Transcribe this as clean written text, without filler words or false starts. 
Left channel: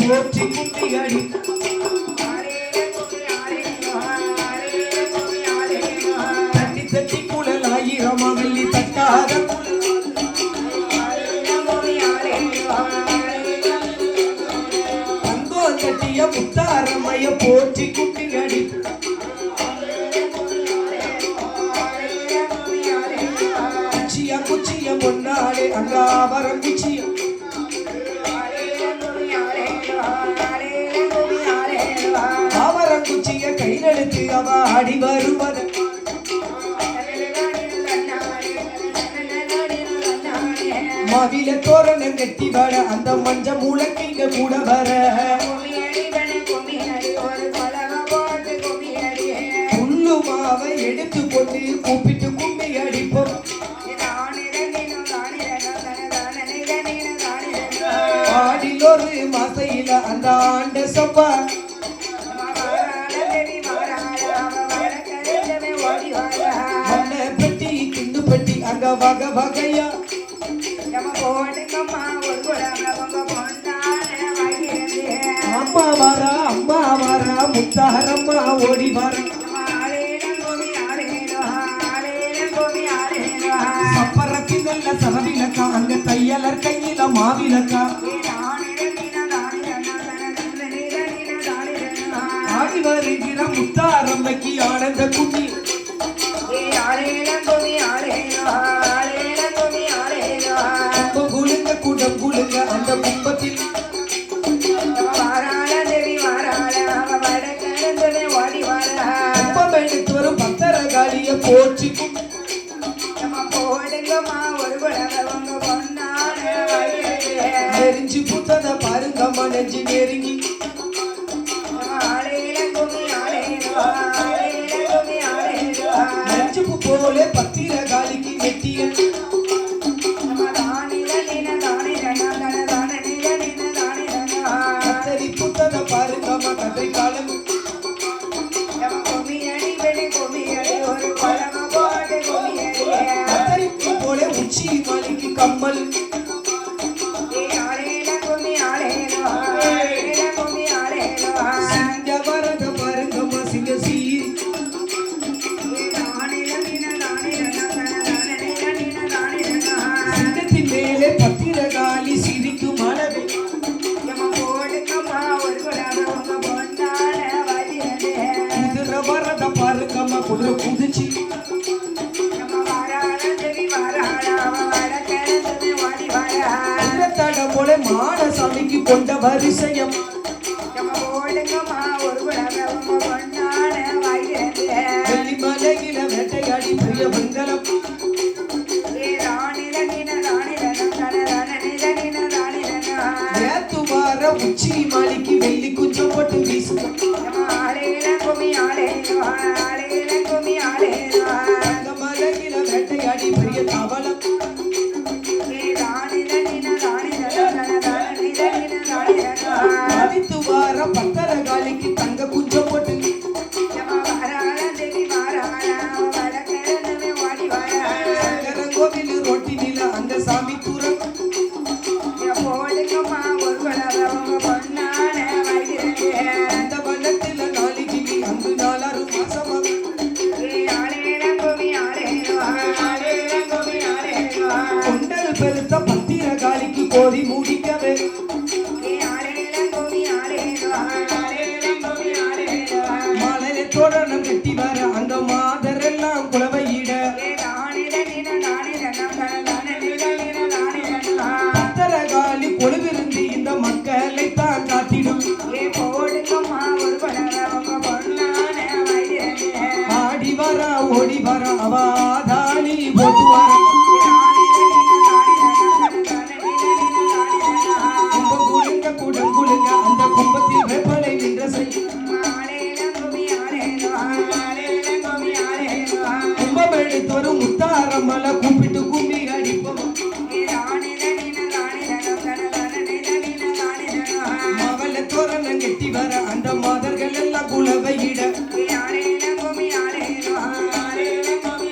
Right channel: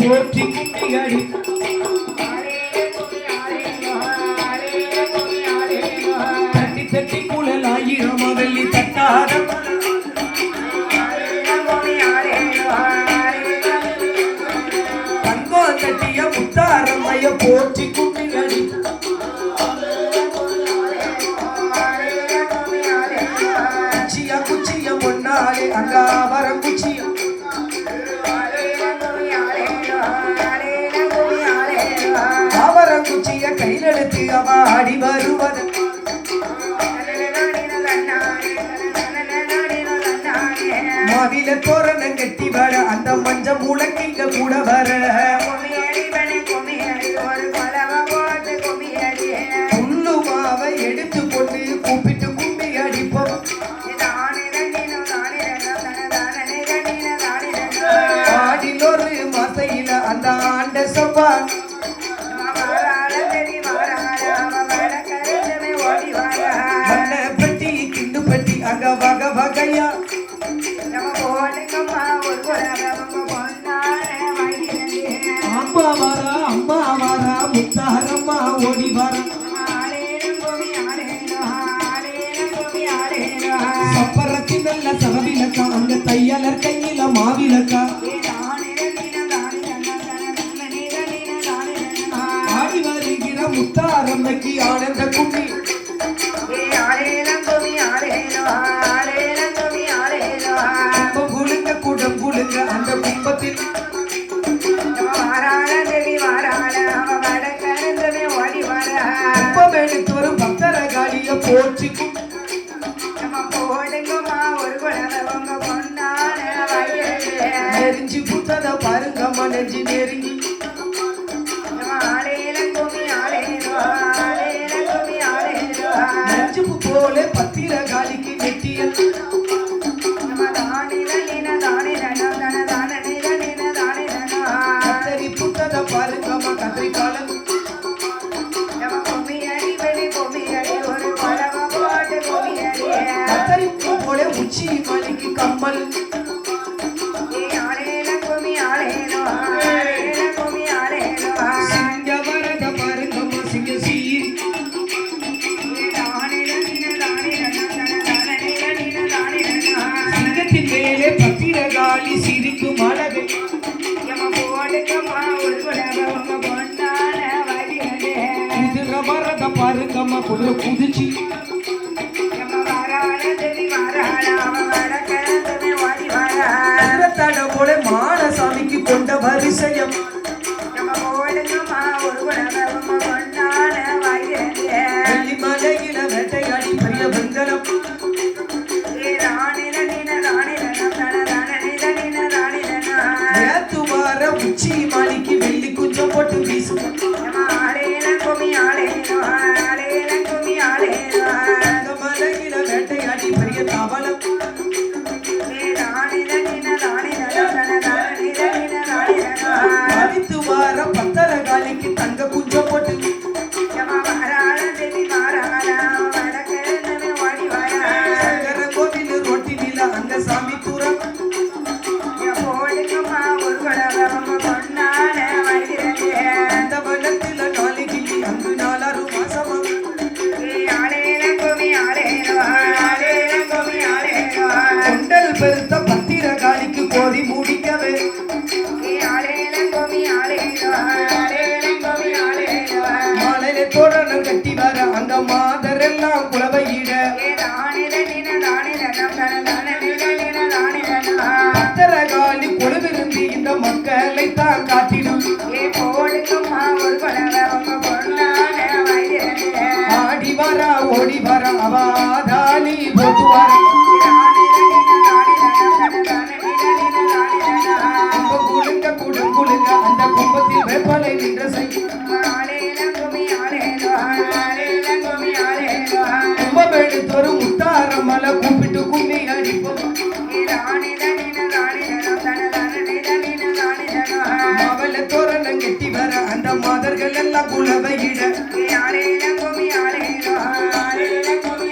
போற்றி குட்டியடி தட்டி தட்டி குழல் ஆயிரம் வெள்ளி தட்டாத தங்கோ தட்டிய முத்தாரம்மைய போற்றி குட்டியடி குச்சிய குச்சிய பொன்னாலே அங்க ஆவரம் குச்சிய ஆவரங்குச்சிய கையிலெடுத்து அவ ஆடி வருவது மாவில தோரணம் கட்டி வர அந்த மஞ்ச மூலக்கிங்க கூட வர புல்லு மாவை எடுத்து போட்டு கூப்பிட்டு கும்பி அடிப்போம் ஆடிலொரு மசையில அந்த ஆண்ட சொப்பா பெட்டி கிண்டு பெட்டி அங்க வக வகையா அம்மா வரா முத்தாரம்மா ஓடி வர சப்பரத்தி நல்ல சரவிலக்கா அங்க தையலர் கையில மாவிலக்கா ஆடி வருகிற முத்தாரம்மைக்கு ஆனந்த குட்டி குழுங்க குடம் குழுங்க அந்த கும்பத்தில் கும்பம் எடுத்து வரும் பக்தர காலிய போற்றி நெறிஞ்சு புத்தத பாருங்க மனஞ்சு நெருங்கி நெஞ்சுப்பு போல பத்திர காலிக்கு நெட்டியன் கத்தரி புத்தத பாருங்க கத்திரி காலம் கத்தரிப்பு போல உச்சி மலைக்கு கம்மல் சிங்க வரத பாருங்க சிங்க சீரி சிங்கத்தின் மேலே பத்திர காலி சிரிக்கும் அழகு குதிர வரத பாருங்கம்மா குதிர குதிச்சு தட போல மானசாமிக்கு கொண்ட வரிசையம் வெள்ளி மலையில வேட்டையாடி பெரிய வெங்கலம் நேத்து வார உச்சி மாலிக்கு வெள்ளி குஞ்சம் போட்டு வீசும் அந்த மலையில வேட்டையாடி பெரிய தவளம் பதித்து வார பத்தர காலிக்கு தங்க குஞ்சம் போட்டு கோவில் ரொட்டி நில அந்த சாமி தூரம் அந்த வனத்தில நாலு கிளி அங்கு 4 மாசமா கொண்டல் பெருத்த பத்திர காலிக்கு கோரி மூடிக்கவே மாலையில தோரணம் கட்டி வர அங்க மாதரெல்லாம் குலவையிட பத்தர காலி கொழுவிருந்து இந்த மக்களை தான் காட்டிடும் ஆடி வர ஓடி வர அவாதானி போட்டு வர கட்டி வர